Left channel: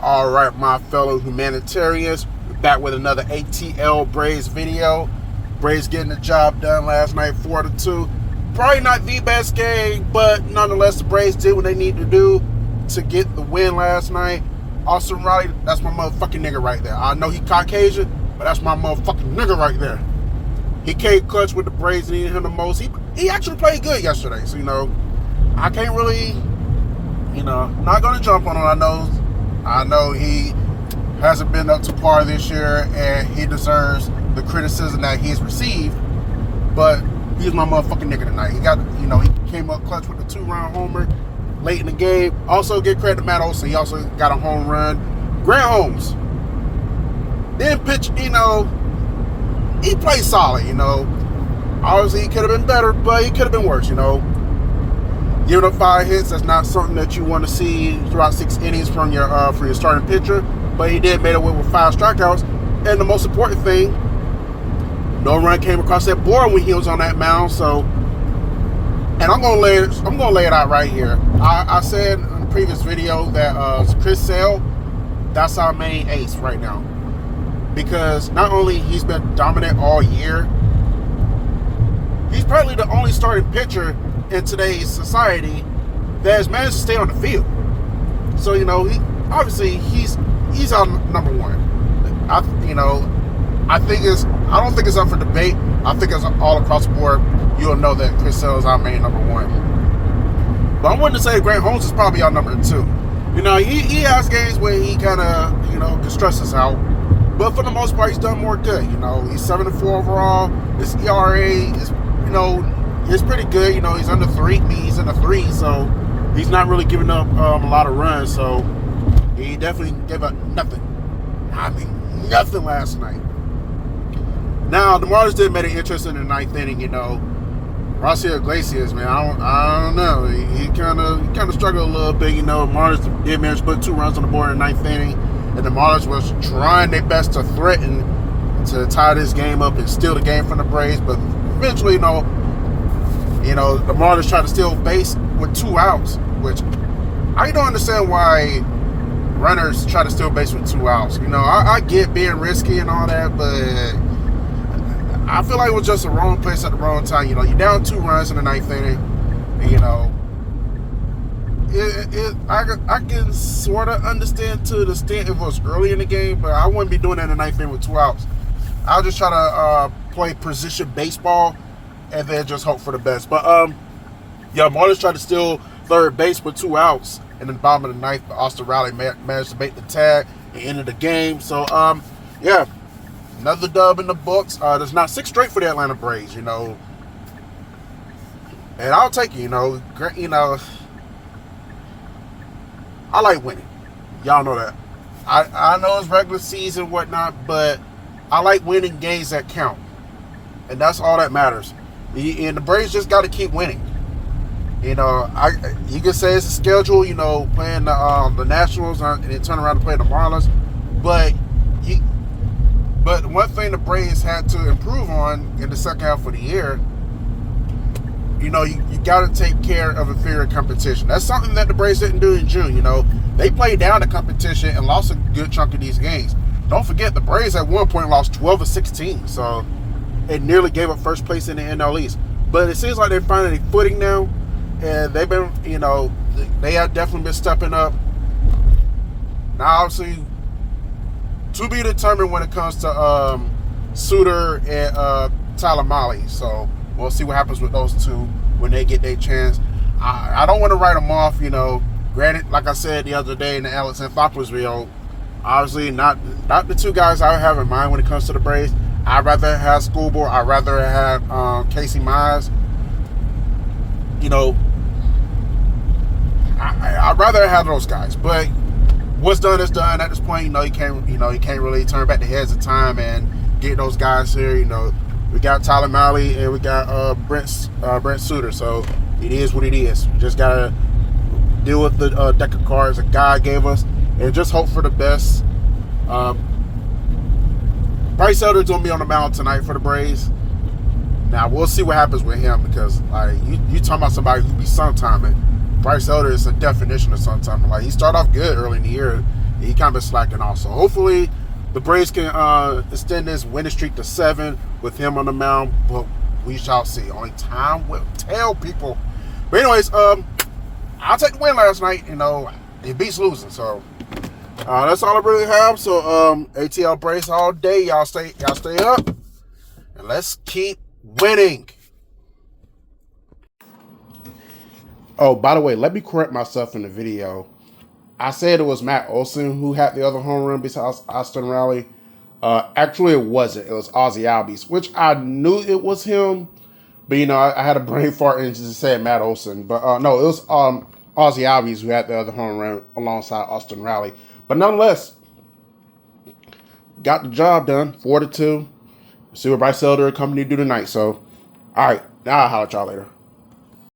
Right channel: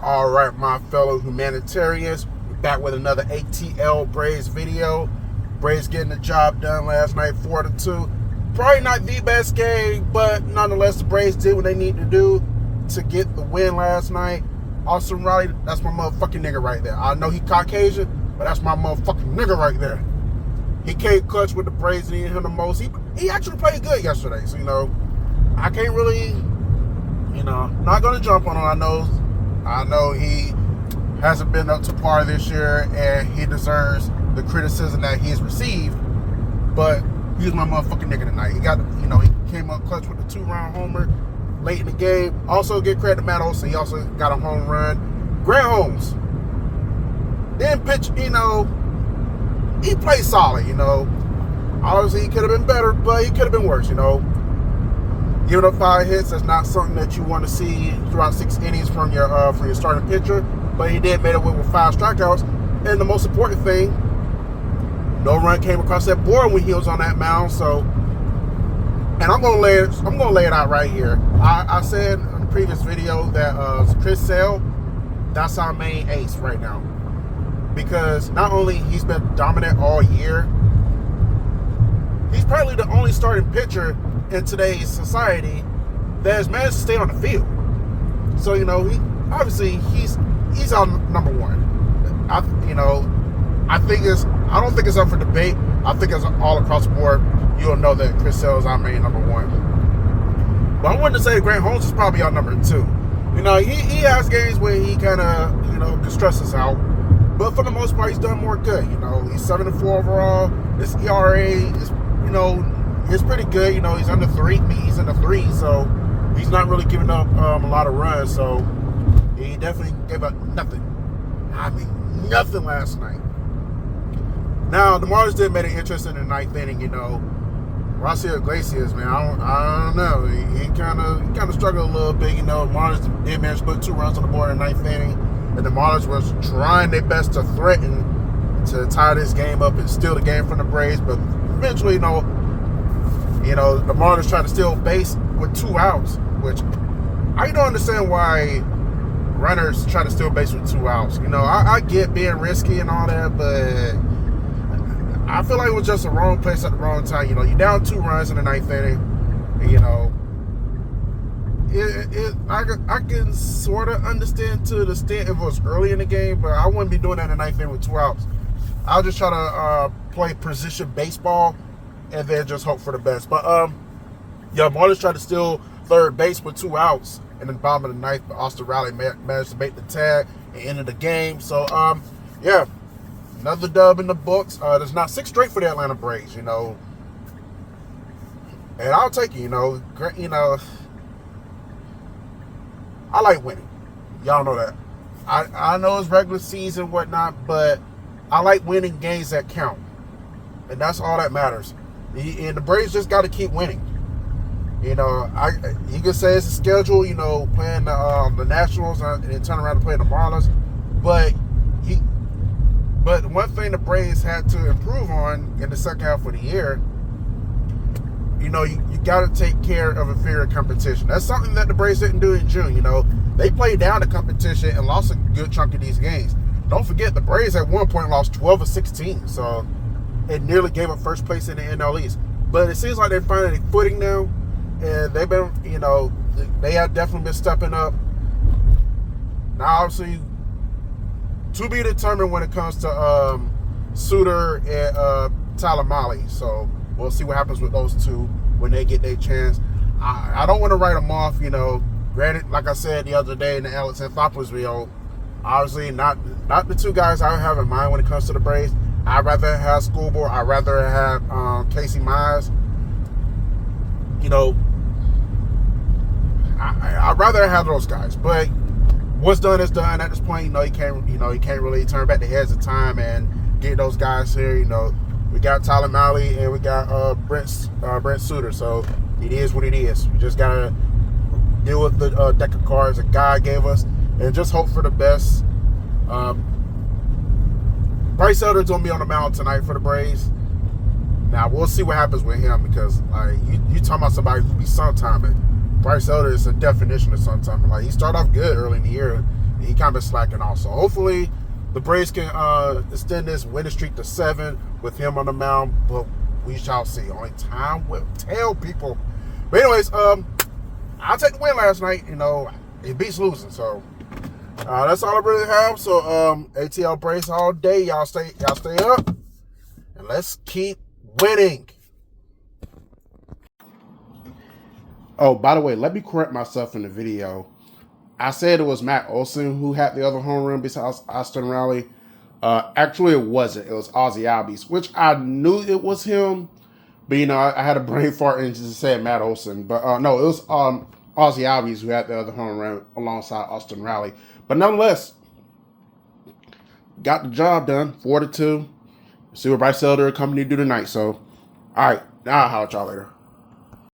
All right, my fellow humanitarians, we're back with another ATL Braves video. Braves getting the job done last night, 4-2. Probably not the best game, but nonetheless, the Braves did what they need to do to get the win last night. Austin Riley, that's my motherfucking nigga right there. I know he Caucasian, but that's my motherfucking nigga right there. He came clutch with the Braves, needed him the most. He actually played good yesterday, so I can't really, not gonna jump on him. I know he hasn't been up to par this year, and he deserves the criticism that he's received. But he's my motherfucking nigga tonight. He came up clutch with a 2-run homer late in the game. Also, give credit to Matt Olson. He also got a home run. Grant Holmes didn't pitch. He played solid. Obviously he could have been better, but he could have been worse. Giving up 5 hits, that's not something that you want to see throughout 6 innings from your starting pitcher. But he did made away with 5 strikeouts. And the most important thing, no run came across that board when he was on that mound. So, and I'm gonna lay it out right here. I said in the previous video that Chris Sale, that's our main ace right now, because not only he's been dominant all year, he's probably the only starting pitcher in today's society that has managed to stay on the field. So he obviously he's our number one. I don't think it's up for debate. I think it's all across the board. You'll know that Chris Sale is our main number one. But I wanted to say Grant Holmes is probably our number 2. He has games where he kind of can stress us out, but for the most part he's done more good. He's 7-4 overall. His ERA is it's pretty good. He's under 3. He's in the 3, so he's not really giving up a lot of runs. So he definitely gave up nothing. I mean, nothing last night. Now the Marlins did make it interesting in the 9th inning. Rossier Iglesias, man, I don't know. He kind of struggled a little bit. Marlins did manage to put 2 runs on the board in the 9th inning, and the Marlins was trying their best to threaten to tie this game up and steal the game from the Braves, but eventually, the Marlins tried to steal base with 2 outs, which I don't understand why runners try to steal base with 2 outs. I get being risky and all that, but I feel like it was just the wrong place at the wrong time. You're down 2 runs in the 9th inning. I can sort of understand to the extent if it was early in the game, but I wouldn't be doing that in the 9th inning with 2 outs. I'll just try to play position baseball and then just hope for the best. But Marlins tried to steal third base with 2 outs in the bottom of the 9th, but Austin Riley managed to make the tag and ended the game. So another dub in the books. There's not 6 straight for the Atlanta Braves, and I'll take it. I like winning. Y'all know that. I know it's regular season and whatnot, but I like winning games that count, and that's all that matters. And the Braves just got to keep winning. You can say it's a schedule, playing the Nationals and then turn around to play the Marlins, but one thing the Braves had to improve on in the second half of the year, you got to take care of inferior competition. That's something that the Braves didn't do in June. They played down the competition and lost a good chunk of these games. Don't forget, the Braves at one point lost 12 of 16, so it nearly gave up first place in the NL East. But it seems like they're finding a footing now, and they've been, they have definitely been stepping up. Now, obviously, to be determined when it comes to Suter and Talamali. So we'll see what happens with those two when they get their chance. I don't want to write them off. Granted, like I said the other day in the Alex Anthopoulos video, obviously not the 2 guys I would have in mind when it comes to the Braves. I'd rather have Schoolboy. I'd rather have Casey Mize. I'd rather have those guys. But what's done is done at this point. You can't really turn back the heads of time and get those guys here. We got Tyler Mahle and we got Brent Suter. So it is what it is. We just gotta deal with the deck of cards that God gave us and just hope for the best. Bryce Elder's gonna be on the mound tonight for the Braves. Now we'll see what happens with him, because you talking about somebody who be sometiming. Bryce Elder is a definition of sometime. He started off good early in the year, he kind of been slacking off. So hopefully the Braves can extend this winning streak to 7 with him on the mound, but we shall see. Only time will tell, people. But anyways, I'll take the win last night. You know, it beats losing. So that's all I really have. So ATL Braves all day. Y'all stay up, and let's keep winning. Oh, by the way, let me correct myself in the video. I said it was Matt Olson who had the other home run besides Austin Riley. Actually, it wasn't. It was Ozzie Albies, which I knew it was him. But, you know, I had a brain fart and just said Matt Olson. But, no, it was Ozzie Albies who had the other home run alongside Austin Riley. But nonetheless, got the job done, 4-2. See what Bryce Elder and company do tonight. So, all right, now I'll holler at y'all later.